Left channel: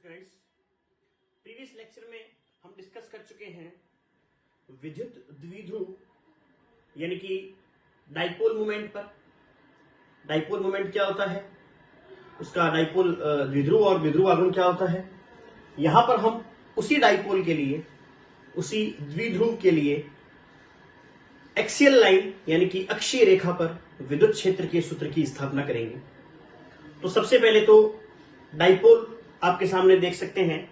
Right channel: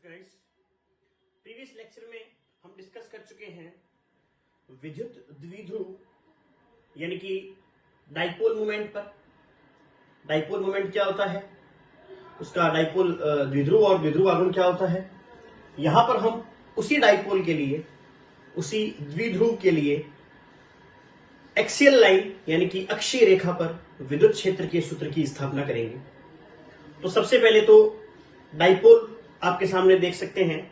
Guys, previous lecture में हम discuss कर चुके हैं विद्युत द्विध्रुव यानी कि डाइपोल मोमेंट पर। डाइपोल मोमेंट क्या होता है, उसका डाइपोल द्विध्रुव और द्विध्रुव आघूर्ण क्या होता है। यहां पर हम उसी डाइपोल के लिए, उसी द्विध्रुव के लिए एक्सियल लाइन यानी कि अक्षीय रेखा पर विद्युत क्षेत्र के सूत्र की स्थापना करेंगे। तो सबसे पहले तो डाइपोल आपके सामने देख सकते हैं,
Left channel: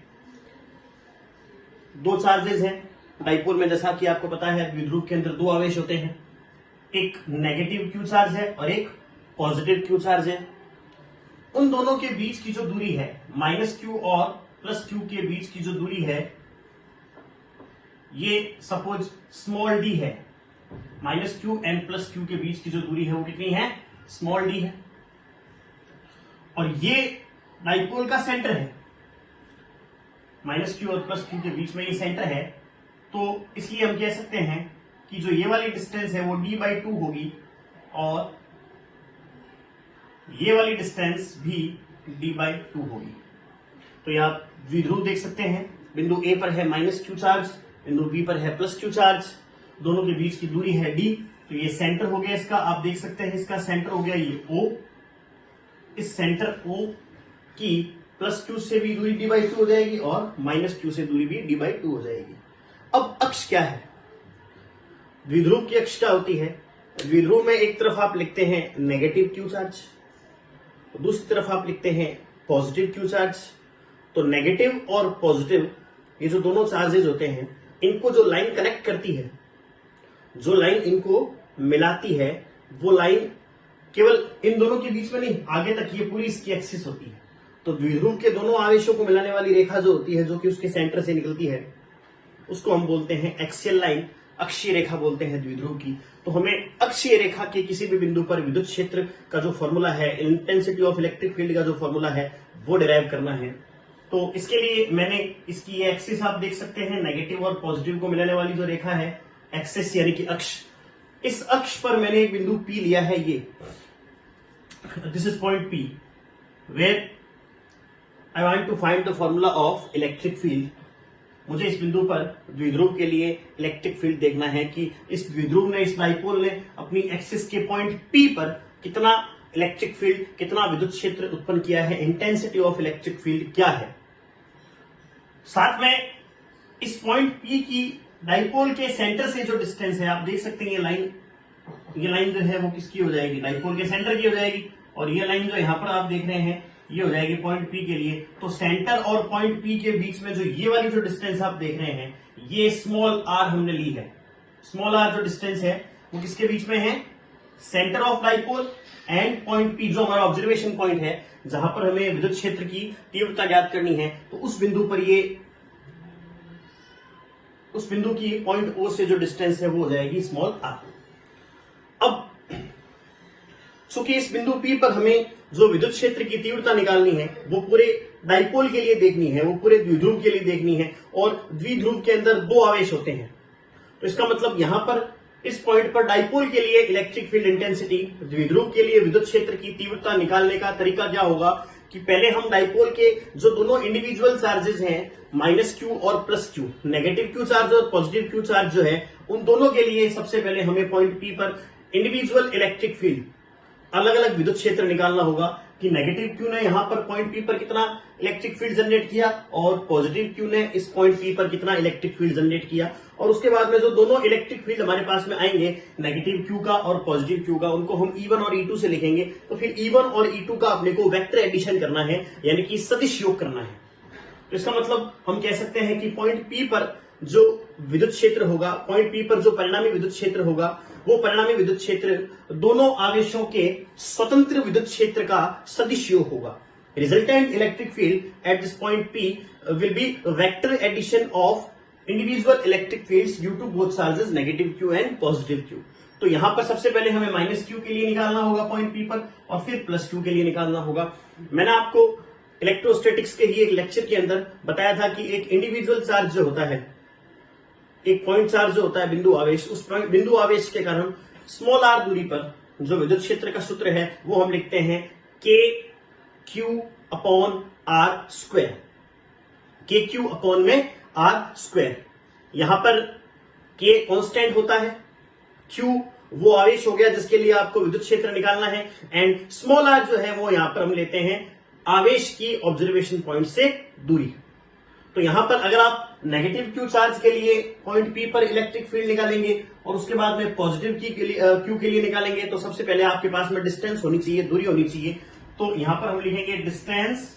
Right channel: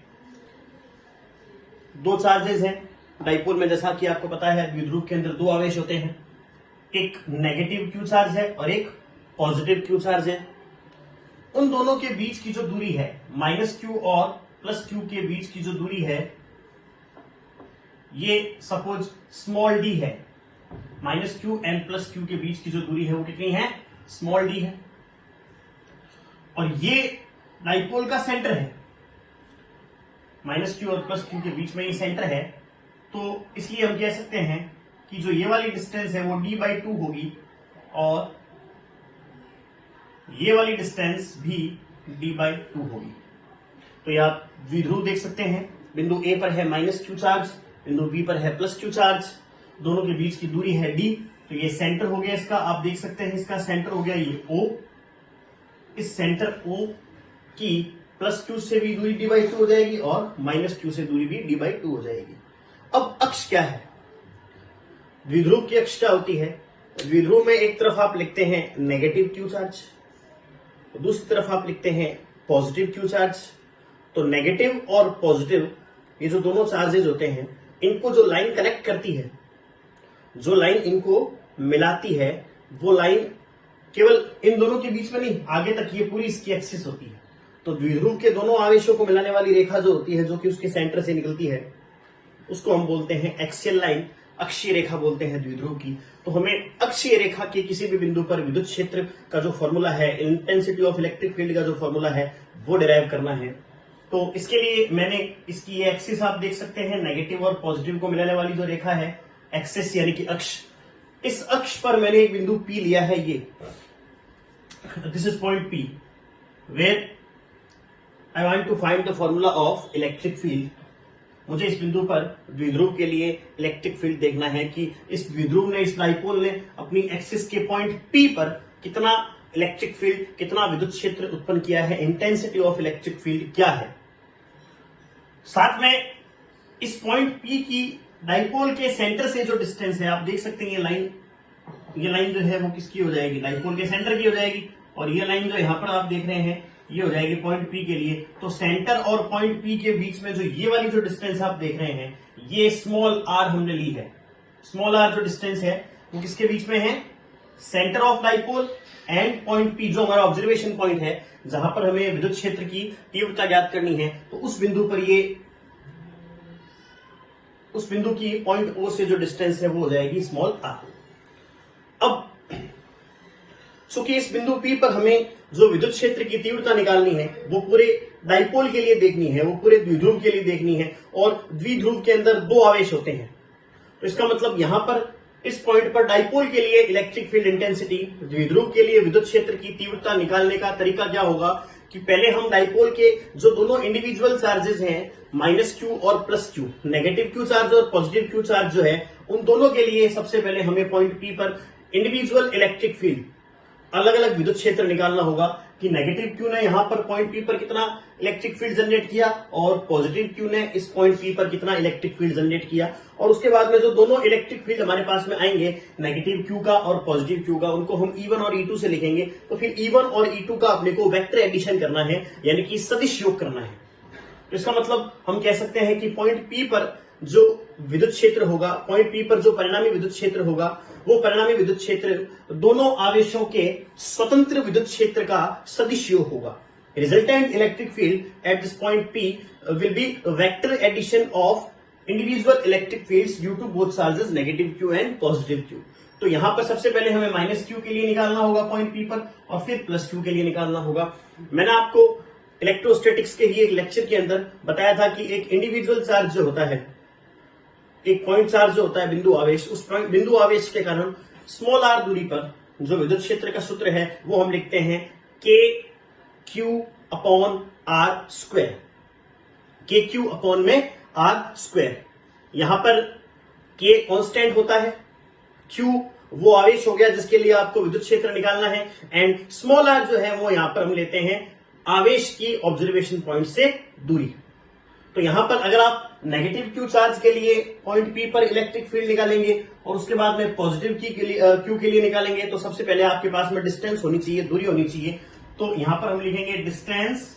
दो चार्जेस हैं डाइपोल में। जैसा कि आपको पता है द्विध्रुव के अंदर दो आवेश होते हैं, एक नेगेटिव क्यू चार्ज है और एक पॉजिटिव क्यू चार्ज है। उन दोनों के बीच की जो दूरी है, माइनस क्यू और प्लस क्यू के बीच की जो दूरी है, ये सपोज स्मॉल डी है। Minus Q and plus Q के बीच की जो दूरी है वो कितनी है, स्मॉल डी है। और ये डाइपोल का सेंटर है, माइनस क्यू और प्लस क्यू के बीच में ये सेंटर है। तो इसलिए हम कह सकते हैं कि जो ये वाली डिस्टेंस है वो d/2 होगी और ये वाली डिस्टेंस भी d/2 होगी। तो ये आप द्विध्रुव देख सकते हैं, बिंदु ए पर है माइनस क्यू चार्ज, बिंदु बी पर है प्लस क्यू चार्ज, दोनों के बीच की दूरी है d। तो ये सेंटर हो गया इसका, आप देख सकते हैं इसका सेंटर हो गया ये O। इस सेंटर O की प्लस क्यू से भी दूरी d/2 हो जाएगी और माइनस क्यू से दूरी भी d/2 हो जाएगी। अब अक्ष क्या है, द्विध्रुव की अक्ष क्या होती है। द्विध्रुव में एक तरफ आप लिखते हैं नेगेटिव क्यू चार्ज, दूसरी तरफ आप लिखते हैं पॉजिटिव क्यू चार्ज। तो नेगेटिव और पॉजिटिव ये जो दोनों चार्जेस होते हैं, इनको जो लाइन कनेक्ट करती है, जो लाइन इनको मिलाती है, वो लाइन केवल इन दोनों के बीच में नहीं, आगे तक ये पूरी इसकी एक्सिस होती है। तो द्विध्रुव के दोनों आवेशों को मिलाने वाली रेखा जो होती है, जो कि उसके सेंटर से निकलती है, उसको हम बोलते हैं एक्सियल लाइन, अक्षीय रेखा बोलते हैं द्विध्रुव की। तो हमें अक्षीय रेखा के किसी भी बिंदु पर विद्युत क्षेत्र का जो फॉर्मूला है, इंटेंसिटी ऑफ इलेक्ट्रिक फील्ड का जो फॉर्मूला है, वो डिराइव करना है। तो इसके लिए मैंने इसकी ये एक्सिस आप देख सकते हैं, नेगेटिव और पॉजिटिव को मिलाने वाली जो रेखा है, एक्सिस यानी कि अक्ष, इस अक्ष पर मैंने एक बिंदु P लिया है। ये this is point P where I want to find the formula of electric field. मुझे इस बिंदु पर द्विध्रुव के लिए इलेक्ट्रिक फील्ड देखना है कि इस द्विध्रुव ने, इस डाइपोल ने अपनी एक्सिस के पॉइंट P पर कितना इलेक्ट्रिक फील्ड, कितना विद्युत क्षेत्र उत्पन्न किया है, इंटेंसिटी ऑफ इलेक्ट्रिक फील्ड क्या है। साथ में इस पॉइंट P की डाइपोल के सेंटर से जो डिस्टेंस है, आप देख सकते हैं ये लाइन जो है वो किसकी हो जाएगी, डाइपोल के सेंटर की हो जाएगी। और ये लाइन जो यहाँ पर आप देख रहे हैं, ये हो जाएगी पॉइंट P के लिए। तो सेंटर और पॉइंट P के बीच में जो ये वाली जो डिस्टेंस आप देख रहे हैं, ये स्मॉल r हमने ली है। स्मॉल r जो डिस्टेंस है वो किसके बीच में है, centre of dipole and point P, जो हमारा ऑब्जर्वेशन पॉइंट है, जहां पर हमें विद्युत क्षेत्र की तीव्रता ज्ञात करनी है। तो उस बिंदु पर उस बिंदु की पॉइंट O से जो डिस्टेंस है वो हो जाएगी स्मॉल r। अब चूंकि इस बिंदु P पर हमें जो विद्युत क्षेत्र की तीव्रता निकालनी है, वो पूरे डाइपोल के लिए देखनी है, वो पूरे द्विध्रुव के लिए देखनी है। और द्विध्रुव के अंदर दो आवेश होते हैं, तो इसका मतलब यहां पर इस पॉइंट पर डाइपोल के लिए इलेक्ट्रिक फील्ड इंटेंसिटी, द्विध्रुव के लिए विद्युत क्षेत्र की तीव्रता निकालने का तरीका क्या होगा कि पहले हम डाइपोल के जो दोनों इंडिविजुअल चार्जेस हैं, माइनस क्यू और plus Q, negative Q charge और पॉजिटिव क्यू चार्ज जो है, उन दोनों के लिए सबसे पहले हमें पॉइंट P पर इंडिविजुअल इलेक्ट्रिक फील्ड, अलग अलग विद्युत क्षेत्र निकालना होगा कि नेगेटिव क्यू ने यहां पर पॉइंट P पर कितना इलेक्ट्रिक फील्ड जनरेट किया और पॉजिटिव क्यू ने इस पॉइंट P पर कितना इलेक्ट्रिक फील्ड जनरेट किया। और उसके बाद में जो दोनों इलेक्ट्रिक फील्ड हमारे पास में आएंगे, नेगेटिव क्यू का और पॉजिटिव क्यू का, उनको हम E1 और E2 से लिखेंगे। तो फिर E1 और E2 का अपने को वेक्टर एडिशन करना है, यानी कि सदिश योग करना है। तो इसका मतलब हम कह सकते हैं कि पॉइंट P पर जो विद्युत क्षेत्र होगा, पॉइंट P पर जो परिणामी विद्युत क्षेत्र होगा, वो परिणामी विद्युत क्षेत्र दोनों आवेशों के स्वतंत्र विद्युत क्षेत्र का सदिश योग होगा। Resultant electric field at this point P will be vector addition of individual electric fields due to both charges negative Q and positive Q. तो यहां पर सबसे पहले हमें माइनस क्यू के लिए निकालना होगा पॉइंट P पर, और फिर प्लस क्यू के लिए निकालना होगा। मैंने आपको इलेक्ट्रोस्टैटिक्स के ही एक लेक्चर के अंदर बताया था कि एक इंडिविजुअल चार्ज जो होता है, एक पॉइंट चार्ज जो होता है, बिंदु आवेश, उस बिंदु आवेश के कारण स्मॉल r दूरी पर जो विद्युत क्षेत्र का सूत्र है वो हम लिखते हैं K Q/r²। के क्यू अपॉन में आर स्क्वायर। यहां पर के कांस्टेंट होता है, क्यू वो आवेश हो गया जिसके लिए आपको विद्युत क्षेत्र निकालना है, एंड स्मॉल आर जो है वो यहां पर हम लेते हैं आवेश की ऑब्जर्वेशन पॉइंट से दूरी। तो यहां पर अगर आप नेगेटिव क्यू चार्ज के लिए पॉइंट पी पर इलेक्ट्रिक फील्ड निकालेंगे और उसके बाद में पॉजिटिव क्यू के लिए निकालेंगे, तो सबसे पहले आपके पास में डिस्टेंस होनी चाहिए, दूरी होनी चाहिए। तो यहां पर हम लिखेंगे distance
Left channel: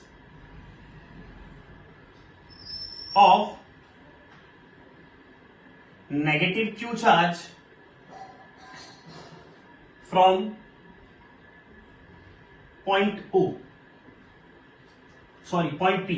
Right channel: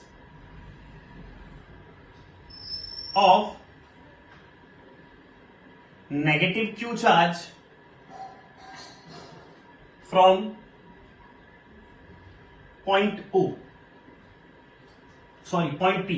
of negative Q charge from point O, sorry point P,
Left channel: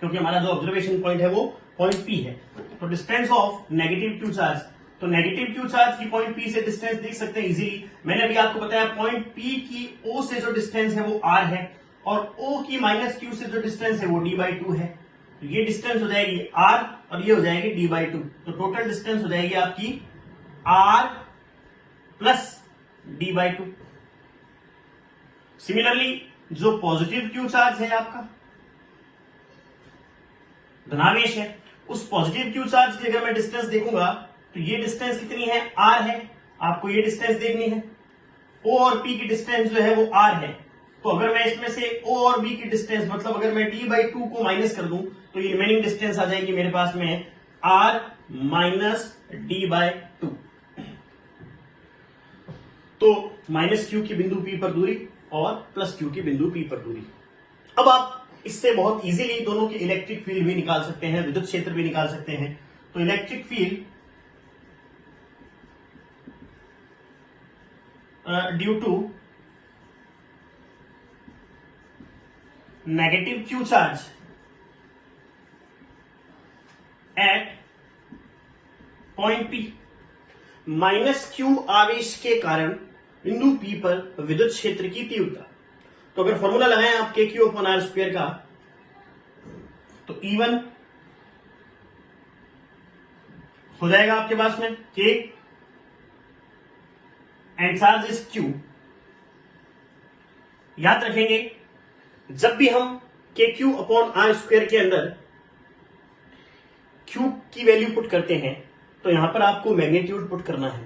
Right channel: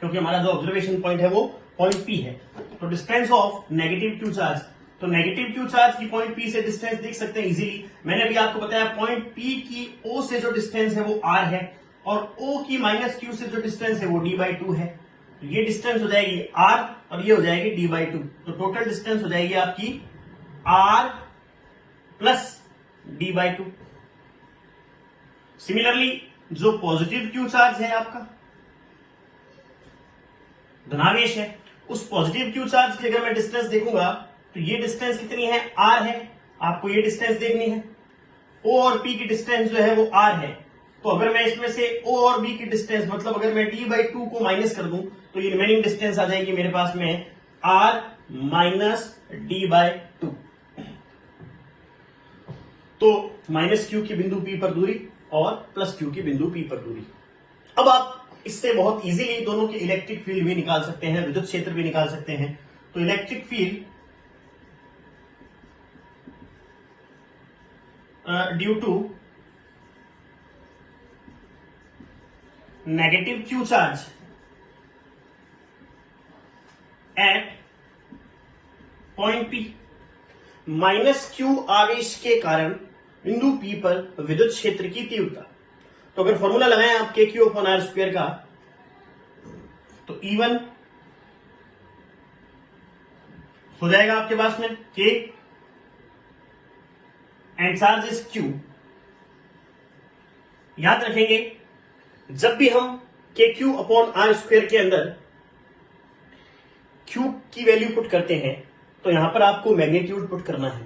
क्योंकि हमारा जो ऑब्जर्वेशन पॉइंट है वो पॉइंट पी है। तो distance of negative Q charge, तो नेगेटिव क्यू चार्ज की पॉइंट पी से डिस्टेंस देख सकते हैं इजीली। मैंने अभी आपको बताया पॉइंट पी की ओ से जो डिस्टेंस है वो आर है, और ओ की माइनस क्यू से जो डिस्टेंस है वो डी बाई टू है। तो ये डिस्टेंस हो जाएगी आर और ये हो जाएगी डी बाई टू। तो टोटल डिस्टेंस हो जाएगी आपकी R plus D by two. Similarly जो पॉजिटिव क्यू चार्ज है आपका धनावेश है, उस पॉजिटिव क्यू चार्ज की अगर मैं डिस्टेंस देखूंगा तो ये डिस्टेंस कितनी है, आर है। आपको ये डिस्टेंस देखनी है, ओ और पी की डिस्टेंस जो है वो आर है। तो अगर मैं इसमें से ओ और बी की डिस्टेंस, मतलब अगर मैं डी बाई टू को माइनस कर दूं तो ये रिमेनिंग डिस्टेंस आ जाएगी मेरे पास में R minus D by two. तो माइनस क्यू की बिंदु पी पर दूरी और प्लस क्यू की बिंदु पी पर दूरी। अब आप इससे बहुत इजीली दोनों की इलेक्ट्रिक फील्ड भी निकाल सकते हैं, विद्युत क्षेत्र भी निकाल सकते हैं। तो electric field due to negative Q charge at point P, minus Q आवेश के कारण बिंदु पी पर विद्युत क्षेत्र की तीव्रता। तो अगर फॉर्मूला लगाएं आप के क्यू अपॉन आर स्क्वायर का, तो E1 हो जाएगा आपके पास में के एंड चार्ज इज क्यू। याद रखेंगे जब भी हम के क्यू अपॉन आर स्क्वायर के अंदर क्यू की वैल्यू पुट करते हैं तो यहां पर आपको मैग्नीट्यूड पुट करना है।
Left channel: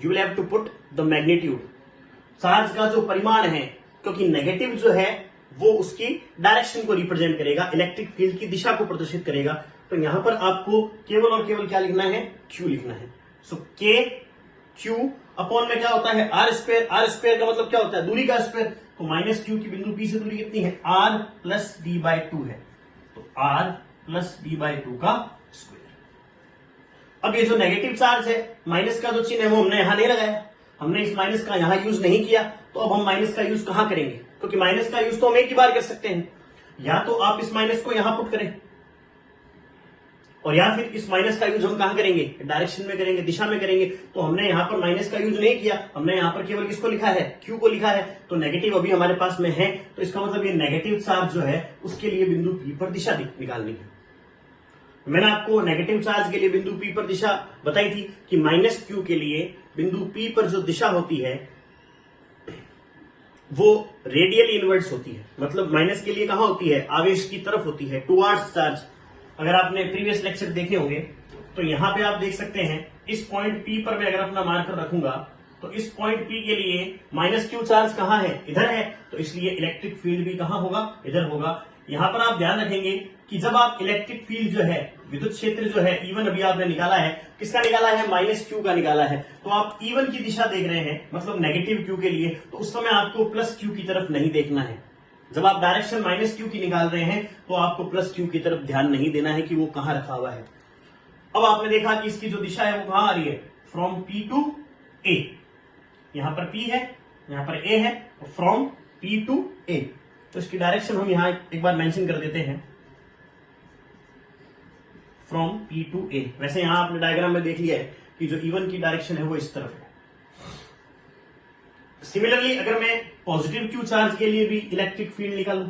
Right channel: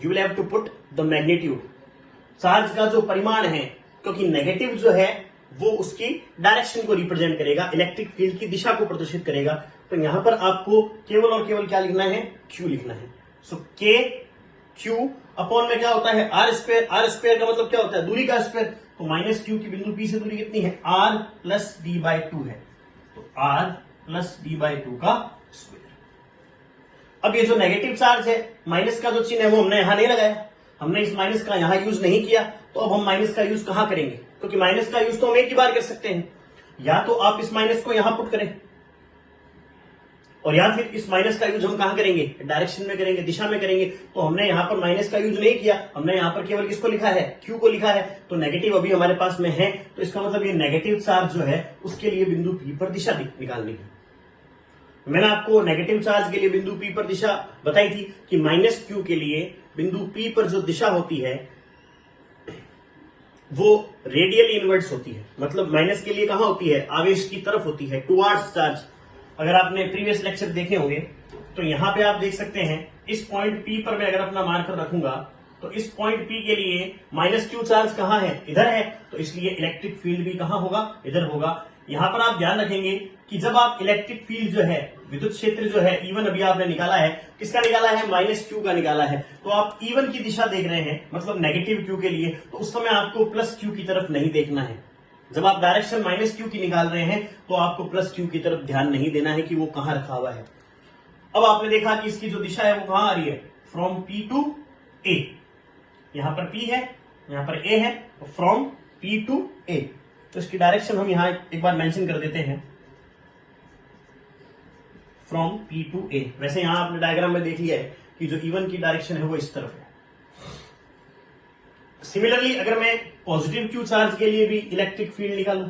You will have to put the magnitude, charge का जो परिमाण है, क्योंकि नेगेटिव जो है वो उसकी डायरेक्शन को रिप्रेजेंट करेगा, इलेक्ट्रिक फील्ड की दिशा को प्रदर्शित करेगा। तो यहां पर आपको केवल और केवल क्या लिखना है, क्यू लिखना है। सो के क्यू अपॉन में क्या होता है आर स्क्वायर। आर स्क्वायर का मतलब क्या होता है, दूरी का स्क्वायर। तो माइनस क्यू की बिंदु पी से दूरी कितनी है, R plus D by two है। तो R plus D by two का स्क्वायर। अब ये जो नेगेटिव चार्ज है, माइनस का जो चिन्ह है वो हमने यहां नहीं लगाया, हमने इस माइनस का यहां यूज नहीं किया। तो अब हम माइनस का यूज कहां करेंगे, क्योंकि माइनस का यूज तो हम एक ही बार कर सकते हैं। या तो आप इस माइनस को यहां पुट करें, और या फिर इस माइनस का यूज हम कहां करेंगे, डायरेक्शन में करेंगे, दिशा में करेंगे। तो हमने यहां पर माइनस का यूज नहीं किया, हमने यहां पर केवल किसको लिखा है, क्यू को लिखा है। तो नेगेटिव अभी हमारे पास में है, तो इसका मतलब ये नेगेटिव चार्ज जो है उसके लिए बिंदु पी पर दिशा निकालनी है। मैंने आपको नेगेटिव चार्ज के लिए बिंदु पी पर दिशा बताई थी कि माइनस क्यू के लिए बिंदु पी पर जो दिशा होती है वो रेडियल इनवर्ट्स होती है। मतलब माइनस के लिए कहां होती है, आवेश की तरफ होती है, टुवर्ड्स चार्ज। अगर आपने प्रीवियस लेक्चर देखे होंगे तो यहां पे आप देख सकते हैं इस पॉइंट पी पर मैं अगर अपना मार्कर रखूंगा तो इस पॉइंट पी के लिए माइनस क्यू चार्ज कहां है, इधर है। तो इसलिए इलेक्ट्रिक फील्ड भी कहां होगा, इधर होगा। यहां पर आप ध्यान रखेंगे कि जब आप इलेक्ट्रिक फील्ड जो है, विद्युत क्षेत्र जो है E1 अभी आपने निकाला है, किसका निकाला है, माइनस क्यू का निकाला है। तो आप E1 की दिशा देख रहे हैं, मतलब नेगेटिव क्यू के लिए, तो उस समय आपको प्लस क्यू की तरफ नहीं देखना है। जब आप डायरेक्शन माइनस क्यू की निकाल रहे हैं तो आपको प्लस क्यू की तरफ ध्यान नहीं देना है कि वो कहां रखा हुआ है। अब आपने देखा कि इसकी जो दिशा है वो कहां आ रही है, फ्रॉम पी टू ए। यहां पर पी है, यहां पर ए है, तो फ्रॉम पी टू ए। तो इसकी डायरेक्शन हम यहां एक बार मेंशन कर देते हैं, फ्रॉम पी टू ए। वैसे यहां आपने डायग्राम में देख लिया है कि जो E1 की डायरेक्शन है वो इस तरफ है। सिमिलरली अगर मैं पॉजिटिव क्यू चार्ज के लिए भी इलेक्ट्रिक फील्ड निकालूं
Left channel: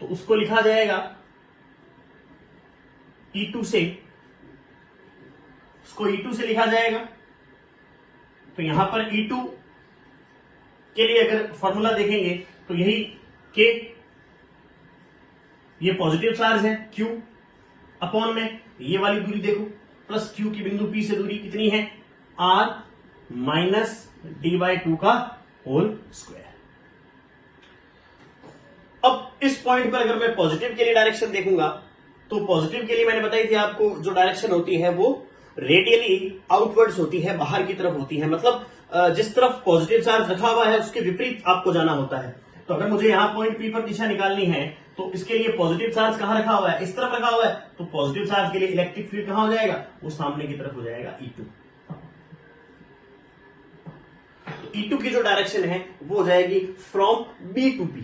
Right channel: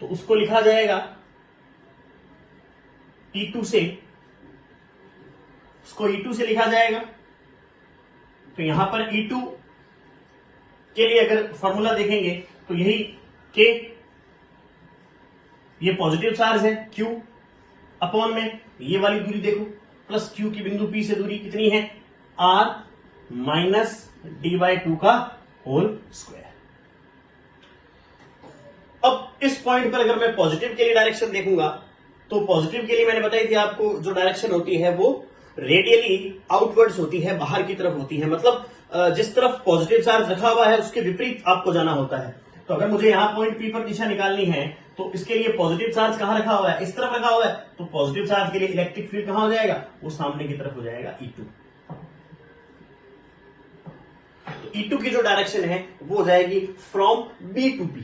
तो उसको लिखा जाएगा E2 से, उसको E2 से लिखा जाएगा। तो यहां पर E2 के लिए अगर फॉर्मूला देखेंगे तो यही के, ये पॉजिटिव चार्ज है Q अपॉन में ये वाली दूरी देखो प्लस Q की बिंदु P से दूरी कितनी है R माइनस d/2 का होल स्क्वायर। अब इस पॉइंट पर अगर मैं पॉजिटिव के लिए डायरेक्शन देखूंगा तो पॉजिटिव के लिए मैंने बताई थी आपको जो डायरेक्शन होती है वो रेडियली आउटवर्ड्स होती है, बाहर की तरफ होती है, मतलब जिस तरफ पॉजिटिव चार्ज रखा हुआ है उसके विपरीत आपको जाना होता है। तो अगर मुझे यहाँ पॉइंट पी पर दिशा निकालनी है तो इसके लिए पॉजिटिव चार्ज कहां रखा हुआ है, इस तरफ रखा हुआ है, तो पॉजिटिव चार्ज के लिए इलेक्ट्रिक फील्ड कहां हो जाएगा, वो सामने की तरफ हो जाएगा E2। तो E2 की जो डायरेक्शन है वो हो जाएगी from B to P,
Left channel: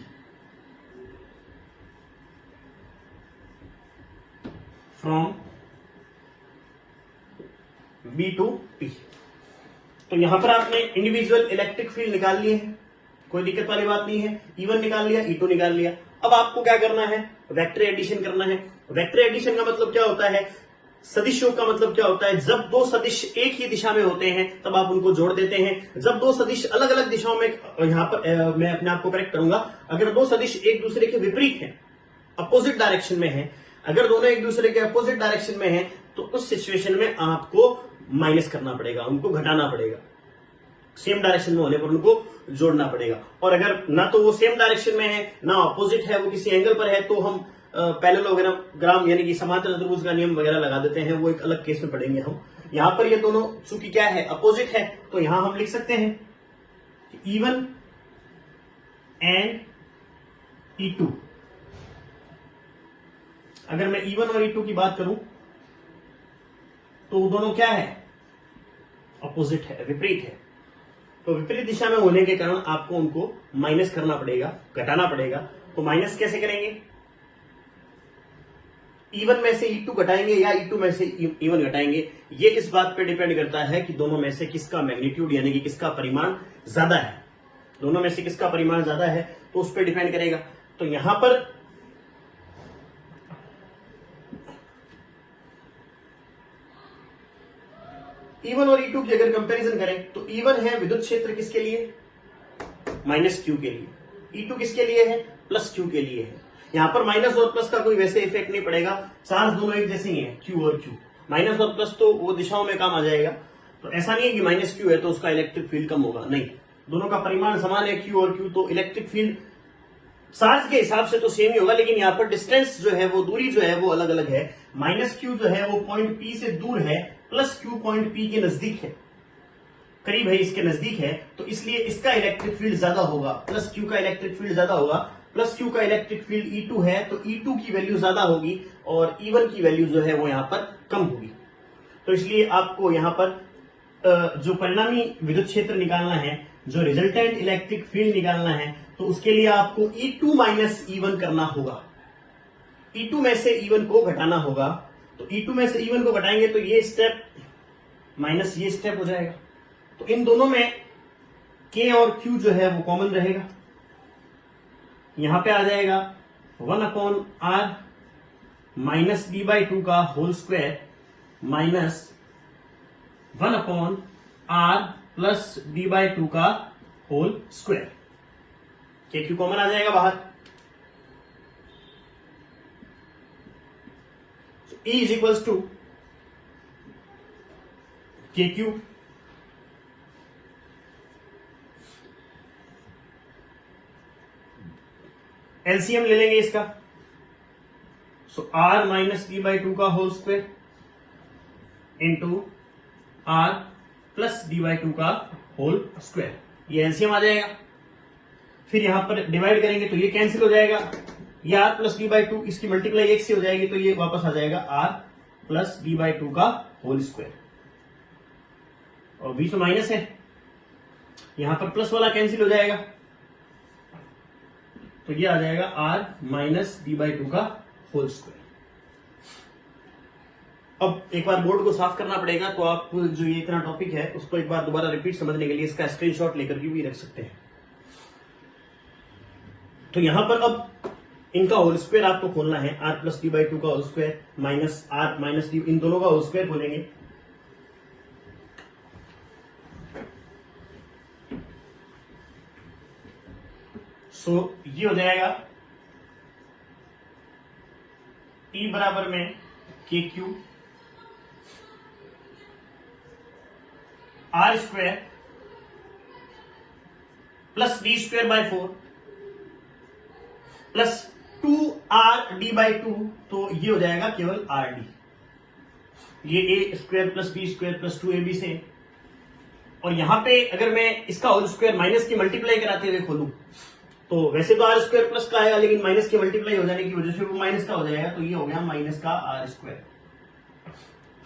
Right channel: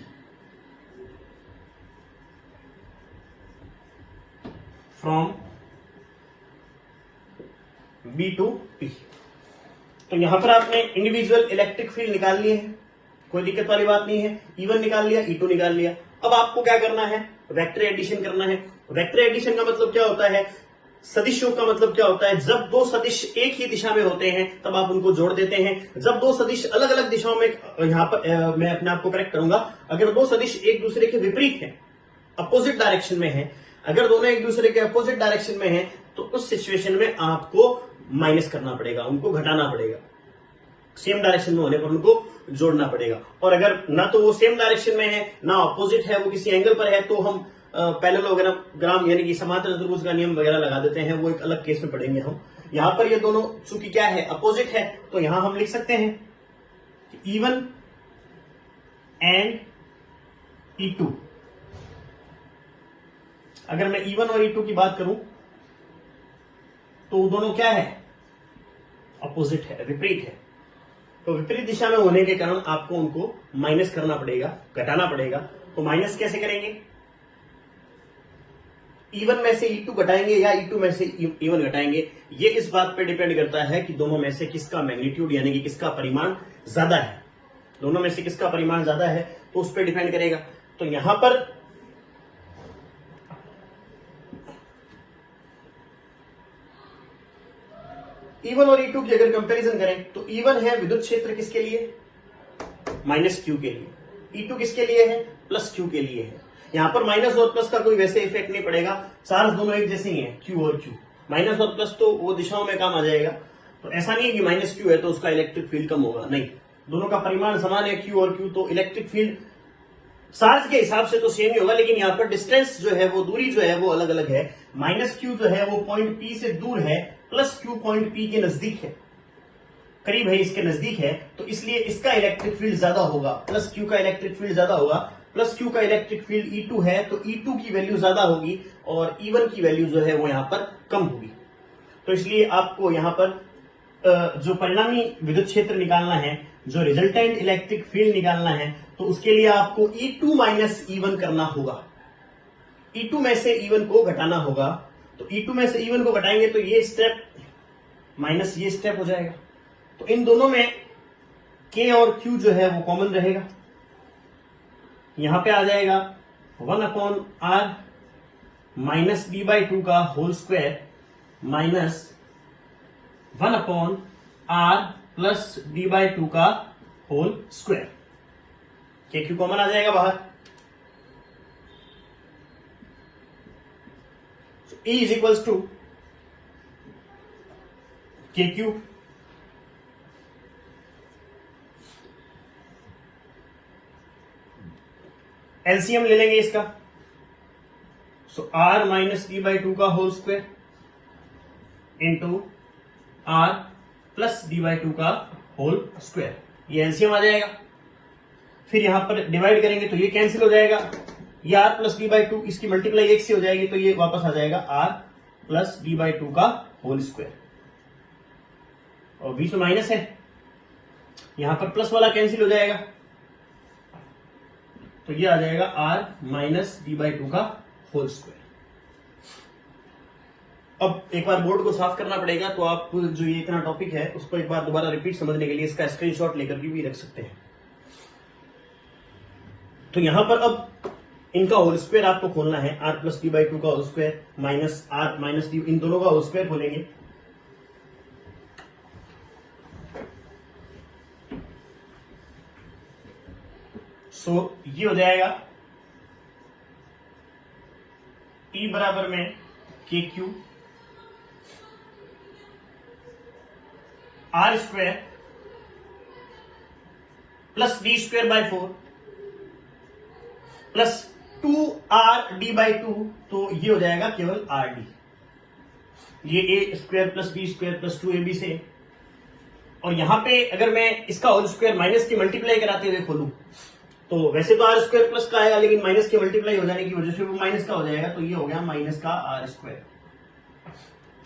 from B to P। तो यहां पर आपने इंडिविजुअल इलेक्ट्रिक फील्ड निकाल लिए हैं, कोई दिक्कत वाली बात नहीं है। E1 निकाल लिया, E2 निकाल लिया। अब आपको क्या करना है, वेक्टर एडिशन करना है। वेक्टर एडिशन का मतलब क्या होता है, सदिशों का मतलब क्या होता है, जब दो सदिश एक ही दिशा में होते हैं तब आप उनको जोड़ देते हैं। जब दो सदिश अलग अलग दिशाओं में, यहां पर मैं अपने आप को करेक्ट करूंगा, अगर दो सदिश एक दूसरे के विपरीत है, अपोजिट डायरेक्शन में है, अगर दोनों एक दूसरे के अपोजिट डायरेक्शन में है तो उस सिचुएशन में आपको माइनस करना पड़ेगा, उनको घटाना पड़ेगा, सेम डायरेक्शन में होने पर उनको जोड़ना पड़ेगा। और अगर ना तो वो सेम डायरेक्शन में है ना अपोजिट है, वो किसी एंगल पर है, तो हम पैरेललोग्राम यानी कि समांतर चतुर्भुज का नियम वगैरह लगा देते हैं, वो एक अलग केस में पढ़ेंगे हम। यहां पर ये दोनों चूंकि क्या है, अपोजिट है, तो यहां हम लिख सकते हैं E1 एंड E2। अगर मैं E1 और E2 की बात करूं तो दोनों क्या है, अपोजिट है, विपरीत है। तो विपरीत दिशा में होने के कारण आपको उनको माइनस करना पड़ेगा, घटाना पड़ेगा। तो माइनस कैसे करेंगे, E1 में से E2 घटाएंगे या E2 में से E1 घटाएंगे, ये इस बात पर डिपेंड करता है कि दोनों में से किसका मैग्नीट्यूड यानी कि किसका परिमाण ज्यादा है। दोनों में से किसका परिमाण ज्यादा है तो उस पर डिपेंड करेगा। तो यहां पर E1 और E2 की अगर कंपैरिजन करें तो E1 है विद्युत क्षेत्र किसके लिए, माइनस Q के लिए, E2 किसके लिए है, प्लस Q के लिए है। यहां पर माइनस और प्लस का कोई वैसे इफेक्ट नहीं पड़ेगा, चार्ज दोनों एक जैसे ही है, Q और Q। माइनस और प्लस तो वो दिशाओं में काम आ जाएगा, तो ऐसा नहीं है कि माइनस Q है तो उसका इलेक्ट्रिक फील्ड कम होगा, नहीं, दोनों का परिमाण समान है Q और Q, तो इलेक्ट्रिक फील्ड चार्ज के हिसाब से तो सेम ही होगा, लेकिन यहाँ पर डिस्टेंस जो है वो, दूरी जो है वो अलग अलग है। माइनस Q जो है वो पॉइंट P से दूर है, प्लस Q पॉइंट P के नजदीक है, करीब है, इसके नजदीक है, तो इसलिए इसका इलेक्ट्रिक फील्ड ज्यादा होगा, प्लस Q का इलेक्ट्रिक फील्ड ज्यादा होगा। प्लस Q का इलेक्ट्रिक फील्ड E2 है तो E2 की वैल्यू ज्यादा होगी और E1 की वैल्यू जो है वो यहाँ पर कम होगी। तो इसलिए आपको यहाँ पर जो परिणामी विद्युत क्षेत्र निकालना है, जो रिजल्टेंट इलेक्ट्रिक फील्ड निकालना है, तो उसके लिए आपको E2 माइनस E1 करना होगा, E2 में से E1 को घटाना होगा। तो E2 में से E1 को घटाएंगे तो ये स्टेप माइनस ये स्टेप हो जाएगा, तो इन दोनों में K और Q जो है वो कॉमन रहेगा, यहां पे आ जाएगा 1/r माइनस d/2 का whole square minus 1/r plus d/2 का होल स्क्वायर। KQ कॉमन आ जाएगा बाहर, E is equals to KQ LCM ले लेंगे इसका, सो r माइनस d/2 का whole square into r plus d/2 का होल स्क्वायर, ये एलसीएम आ जाएगा। फिर यहां पर डिवाइड करेंगे तो ये कैंसिल हो जाएगा, ये r प्लस d/2 इसकी मल्टीप्लाई 1 से हो जाएगी, तो ये वापस आ जाएगा r प्लस d/2 का होल स्क्वायर, और बीच में माइनस है, यहां पर प्लस वाला कैंसिल हो जाएगा, तो ये आ जाएगा r माइनस d/2 का होल स्क्वायर। अब एक बार बोर्ड को साफ करना पड़ेगा, तो आप जो ये इतना टॉपिक है उसको एक बार दोबारा रिपीट समझने के लिए इसका स्क्रीनशॉट लेकर के भी रख सकते हैं। तो यहां पर अब इनका होल स्क्वायर आपको खोलना है, r प्लस d/2 का whole square minus r minus d, इन दोनों का होल स्क्वायर खोलेंगे, सो ये हो जाएगा E बराबर में के Q R square plus D square by 4 plus 2RD/2, तो ये हो जाएगा केवल RD। ये A square plus B square plus 2AB से, और यहां पे अगर मैं इसका होल स्क्वायर माइनस की मल्टीप्लाई कराते हुए खोलूं तो वैसे तो आर स्क्वायर प्लस का आएगा, लेकिन माइनस के मल्टीप्लाई हो जाने की वजह से वो माइनस का हो जाएगा, तो ये हो गया माइनस का आर स्क्वायर।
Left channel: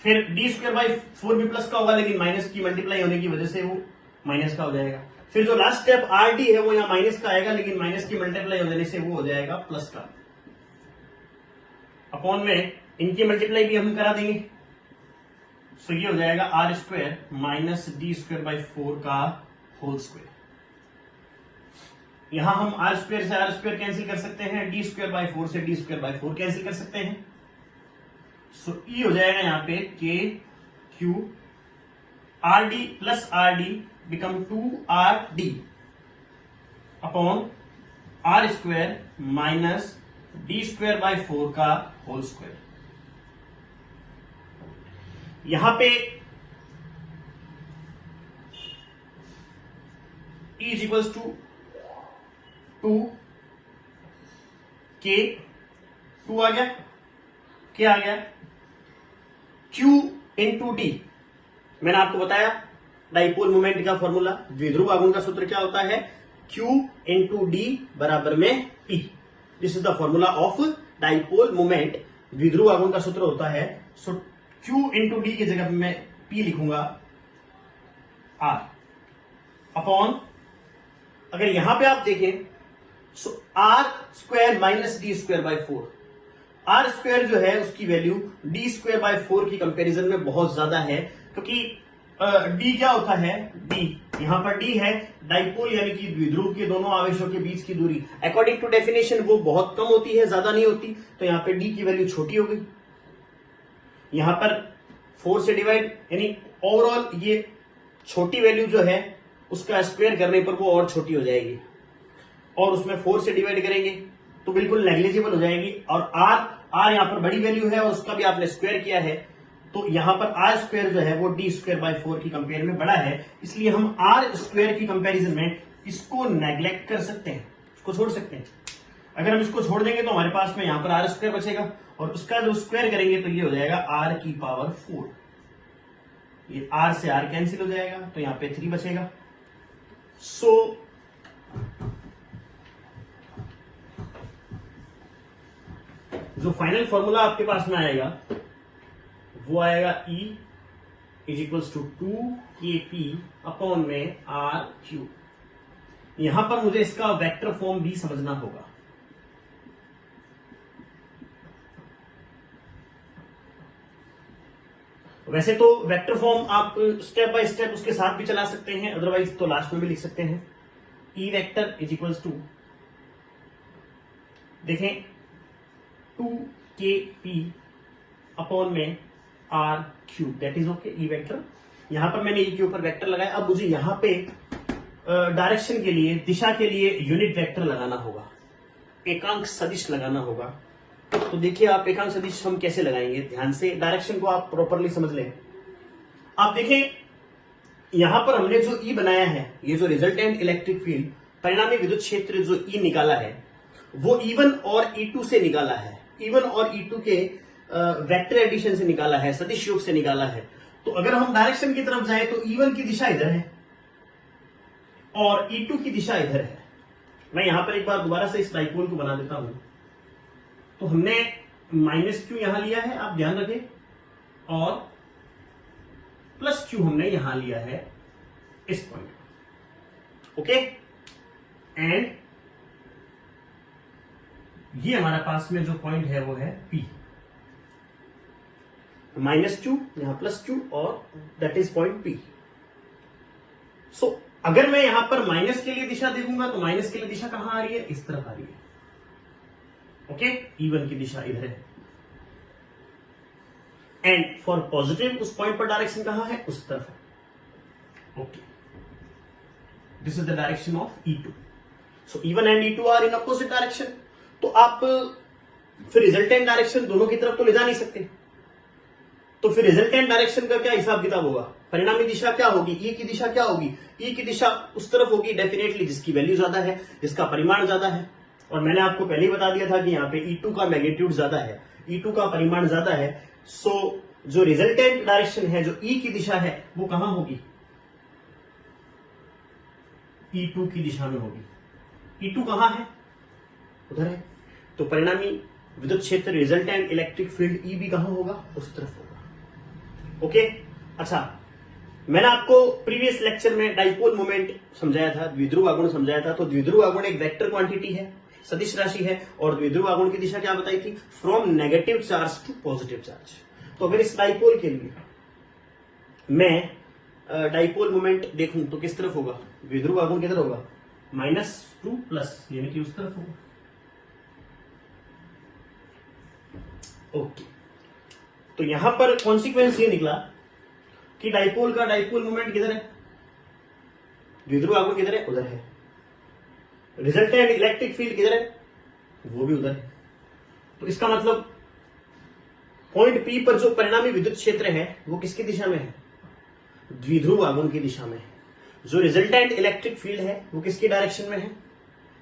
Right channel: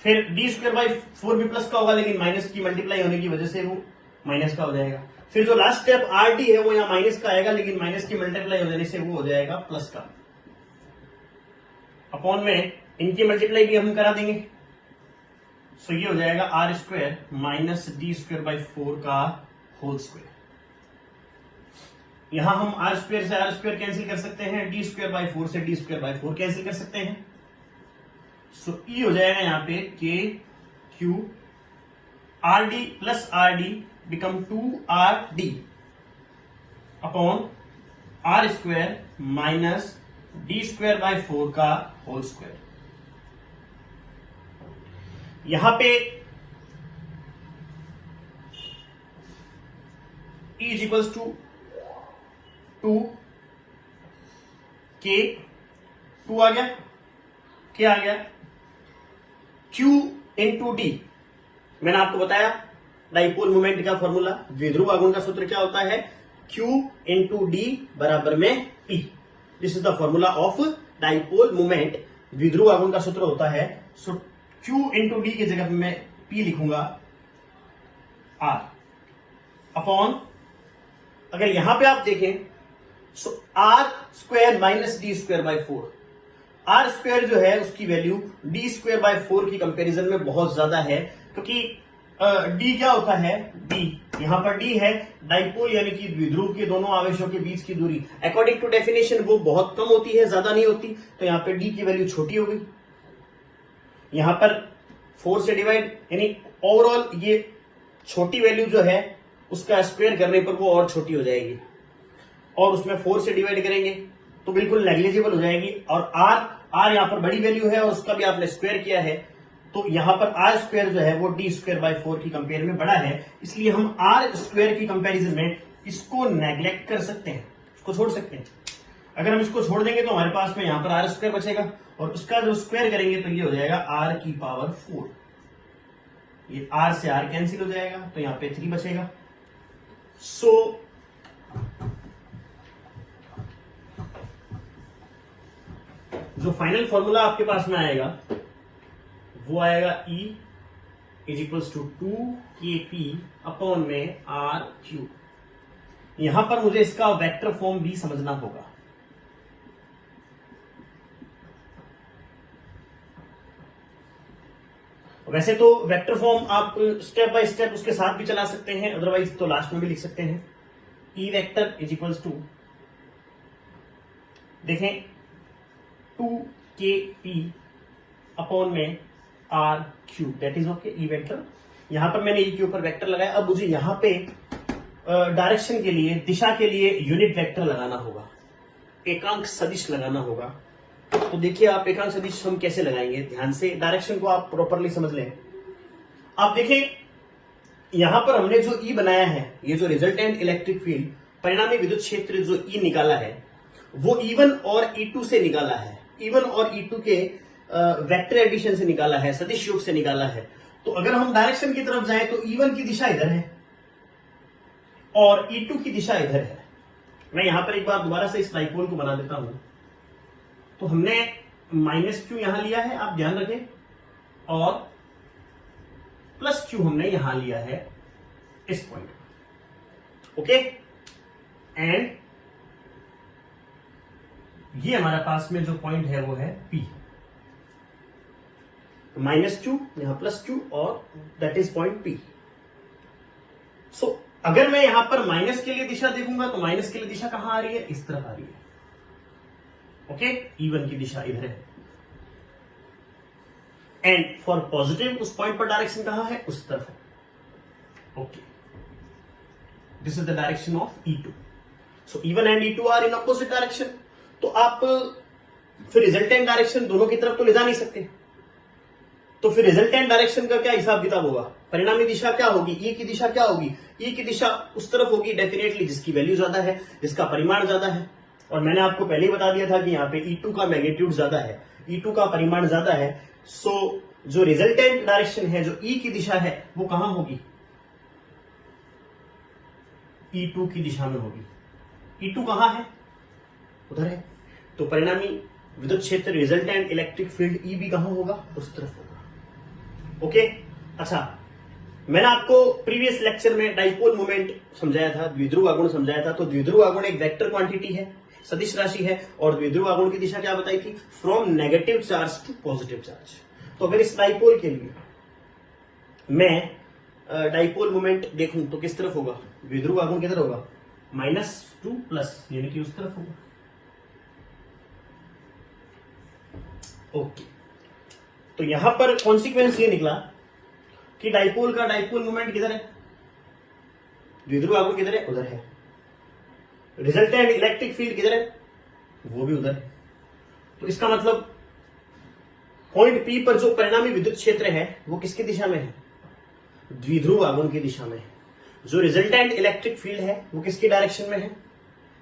फिर डी स्क्वायर बाई 4 भी प्लस का होगा, लेकिन माइनस की मल्टीप्लाई होने की वजह से वो माइनस का हो जाएगा। फिर जो लास्ट स्टेप आर डी है वो यहाँ माइनस का आएगा, लेकिन माइनस की मल्टीप्लाई हो जाने से वो हो जाएगा प्लस का। अपॉन में इनकी मल्टीप्लाई भी हम करा देंगे, सो ये हो जाएगा R square minus D square by 4 का होल स्क्वायर। यहां हम आर स्क्वायर से आर स्क्वायर कैंसिल कर सकते हैं, डी स्क्वायर बाई 4 से डी स्क्वायर बाई 4 कैंसिल कर सकते हैं। सो ई हो जाएगा यहाँ पे K Q R D plus R D become 2RD upon R square minus D square by 4 का होल स्क्वायर। यहां पे E इज इक्वल्स टू 2 के 2 आ गया, क्या आ गया Q इंटू डी। मैंने आपको बताया डाइपोल मोमेंट का फॉर्मूला, द्विध्रुव आघूर्ण का सूत्र क्या होता है, Q इंटू डी बराबर में E। This is the formula of dipole moment, द्विध्रुव आघूर्ण का सूत्र होता है। सो Q इंटू डी की जगह मैं P लिखूंगा R अपॉन, अगर यहां पे आप देखें so R square minus D square by 4, R square जो है उसकी वैल्यू डी स्क्वायर बाय 4 की कंपैरिजन में बहुत ज्यादा है, क्योंकि डी क्या होता है, डी यहां पर डी है डाइपोल यानी कि द्विध्रुव के दोनों आवेशों के बीच की दूरी। अकॉर्डिंग टू डेफिनेशन वो बहुत कम होती है, ज्यादा नहीं होती, तो यहां पर डी की वैल्यू छोटी हो गई। यहां पर 4 से डिवाइड यानी ओवरऑल ये छोटी वैल्यू जो है उसका स्क्वायर करने पर वो और छोटी हो जाएगी, और उसमें 4 से डिवाइड करेंगे तो बिल्कुल नेग्लिजिबल हो जाएगी। और आर यहां पर बड़ी वैल्यू है और उसका भी आपने स्क्वायर किया है, तो यहां पर आर स्क्वायर जो है वो डी स्क्वायर बाय 4 की कंपेयर में बड़ा है, इसलिए हम आर स्क्वायर की कंपैरिजन में इसको नेग्लेक्ट कर सकते हैं, इसको छोड़ सकते हैं। अगर हम इसको छोड़ देंगे तो हमारे पास में यहां पर आर स्क्वायर बचेगा, और उसका जो स्क्वायर करेंगे तो ये हो जाएगा आर की पावर 4। ये आर से आर कैंसिल हो जाएगा, तो यहां पे 3 बचेगा। सो जो फाइनल फॉर्मूला आपके पास में आएगा वो आएगा E is equals to 2KP upon में RQ। यहां पर मुझे इसका वेक्टर फॉर्म भी समझना होगा। वैसे तो वेक्टर फॉर्म आप स्टेप बाय स्टेप उसके साथ भी चला सकते हैं, अदरवाइज तो लास्ट में भी लिख सकते हैं। E vector is equals to, देखें 2KP अपॉन में RQ, that is okay. E vector, यहां पर मैंने ई के ऊपर वेक्टर लगाया। अब मुझे यहां पे डायरेक्शन के लिए, दिशा के लिए यूनिट वेक्टर लगाना होगा, एकांक सदिश लगाना होगा। तो देखिए आप एकांक सदिश हम कैसे लगाएंगे, ध्यान से डायरेक्शन को आप प्रॉपरली समझ लें। आप देखें यहां पर हमने जो ई बनाया है, ये जो रिजल्टेंट इलेक्ट्रिक फील्ड, परिणामी विद्युत क्षेत्र जो ई निकाला है वो E1 और E2 से निकाला है, E1 और E2 के वेक्टर एडिशन से निकाला है, सदिश योग से निकाला है। तो अगर हम डायरेक्शन की तरफ जाएं तो E1 की दिशा इधर है और E2 की दिशा इधर है। मैं यहां पर एक बार दोबारा से इस डाइपोल को बना देता हूं। तो हमने -Q यहां लिया है, आप ध्यान रखें, और +Q हमने यहां लिया है इस पॉइंट पर, ओके। एंड ये हमारे पास में जो पॉइंट है वो है P, तो -Q यहां +Q और दैट इज पॉइंट P। सो अगर मैं यहां पर माइनस के लिए दिशा देखूंगा तो माइनस के लिए दिशा कहां आ रही है, इस तरफ आ रही है, ओके। E1 की दिशा इधर है, एंड फॉर पॉजिटिव उस पॉइंट पर डायरेक्शन कहां है, उस तरफ है, okay. This is the direction of E2। So E1 and E2 are in opposite direction. तो आप फिर रिजल्टेंट डायरेक्शन दोनों की तरफ तो ले जा नहीं सकते, तो फिर रिजल्टेंट डायरेक्शन का क्या हिसाब किताब होगा? परिणामी दिशा क्या होगी? ई की दिशा क्या होगी? ई की दिशा उस तरफ होगी डेफिनेटली जिसकी वैल्यू ज्यादा है, जिसका परिमाण ज्यादा है। और मैंने आपको पहले ही बता दिया था कि यहाँ पे E2 का मैग्नीट्यूड ज्यादा है, E2 का परिमाण ज्यादा है। सो जो रिजल्टेंट डायरेक्शन है, जो ई की दिशा है, वो कहां होगी? E2 की दिशा में होगी। E2 कहां है? उधर है। तो परिणामी विद्युत क्षेत्र रिजल्टेंट इलेक्ट्रिक फील्ड ई भी कहां होगा? उस तरफ होगा। ओके, अच्छा, मैंने आपको प्रीवियस लेक्चर में डाइपोल मोमेंट समझाया था, द्विध्रुव आघूर्ण समझाया था। तो द्विध्रुव आघूर्ण एक वेक्टर क्वांटिटी है, सदिश राशि है, और द्विध्रुव आघूर्ण की दिशा क्या बताई थी? From negative charge to positive charge. तो अगर इस डाइपोल के लिए मैं डाइपोल मोमेंट देखूं तो किस तरफ होगा? द्विध्रुव आघूर्ण किधर होगा? -2 प्लस, यानी कि उस तरफ होगा। ओके, तो यहां पर कॉन्सिक्वेंस ये निकला कि डाइपोल का डाइपोल मोमेंट किधर है? द्विध्रुव आघूर्ण किधर है? उधर है। रिजल्टेंट इलेक्ट्रिक फील्ड किधर है? वो भी उधर है। तो इसका मतलब पॉइंट P पर जो परिणामी विद्युत क्षेत्र है वो किसकी दिशा में है? द्विध्रुव आघूर्ण की दिशा में है। जो रिजल्टेंट इलेक्ट्रिक फील्ड है वो किसकी डायरेक्शन में है?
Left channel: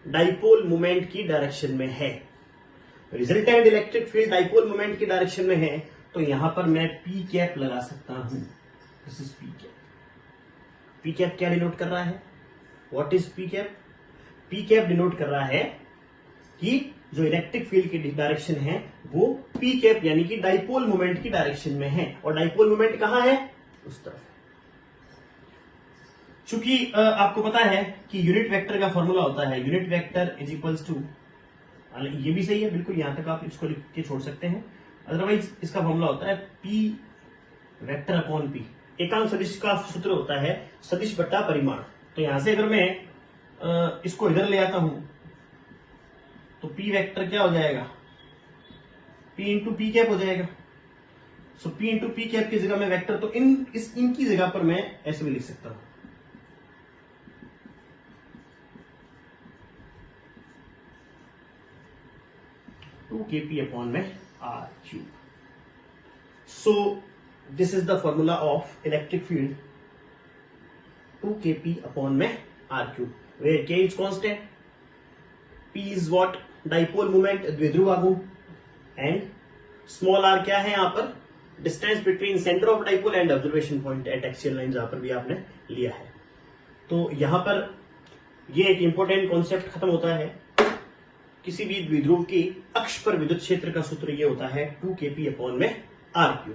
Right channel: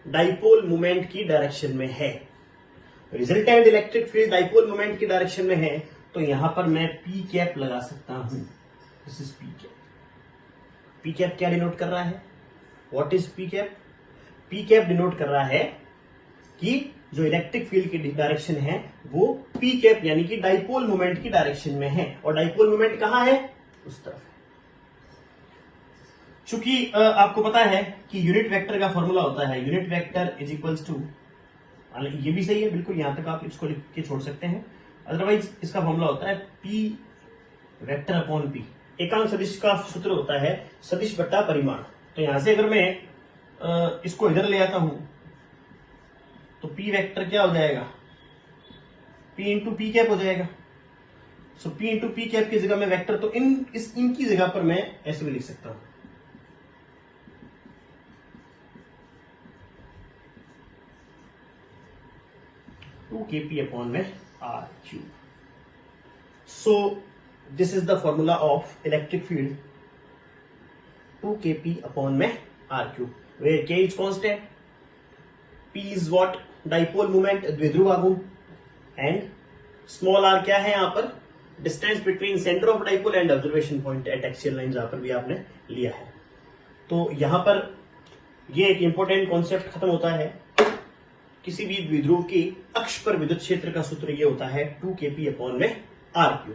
डाइपोल मोमेंट की डायरेक्शन में है। Resultant electric field dipole moment की डायरेक्शन में है, तो यहां पर मैं P कैप लगा सकता हूं। This is P cap. P cap क्या डिनोट कर रहा है? What is P cap? P cap denote कर रहा है कि जो इलेक्ट्रिक फील्ड की डायरेक्शन है वो P कैप यानी कि डाइपोल मोमेंट की डायरेक्शन में है। और डाइपोल मोमेंट कहां है? उस तरफ है। चूंकि आपको पता है कि यूनिट वेक्टर का फॉर्मूला होता है, unit vector is equals to, ये भी सही है बिल्कुल, यहां तक आप इसको लिख के छोड़ सकते हैं। अदरवाइज इसका फॉर्मूला होता है P वेक्टर अपॉन P। एकांक सदिश का सूत्र होता है सदिश बट्टा परिमाण। तो यहां से अगर मैं इसको इधर ले आता हूं तो P वेक्टर क्या हो जाएगा? P इंटू P कैप हो जाएगा। सो P इंटू P कैप की जगह में वेक्टर, तो इनकी जगह पर मैं ऐसे भी लिख सकता हूं, KP upon में R3। So this is the formula of electric field, 2kP upon में R3, where K is constant, P is what? Dipole moment, द्विध्रुव आघूर्ण, and small r क्या है यहाँ पर? Distance between center of dipole and observation point at axial line, जहां पर भी आपने लिया है। तो यहां पर ये एक इंपॉर्टेंट कॉन्सेप्ट खत्म होता है। किसी भी द्विध्रुव की अक्ष पर विद्युत क्षेत्र का सूत्र ये होता है 2kP अपॉन में R3।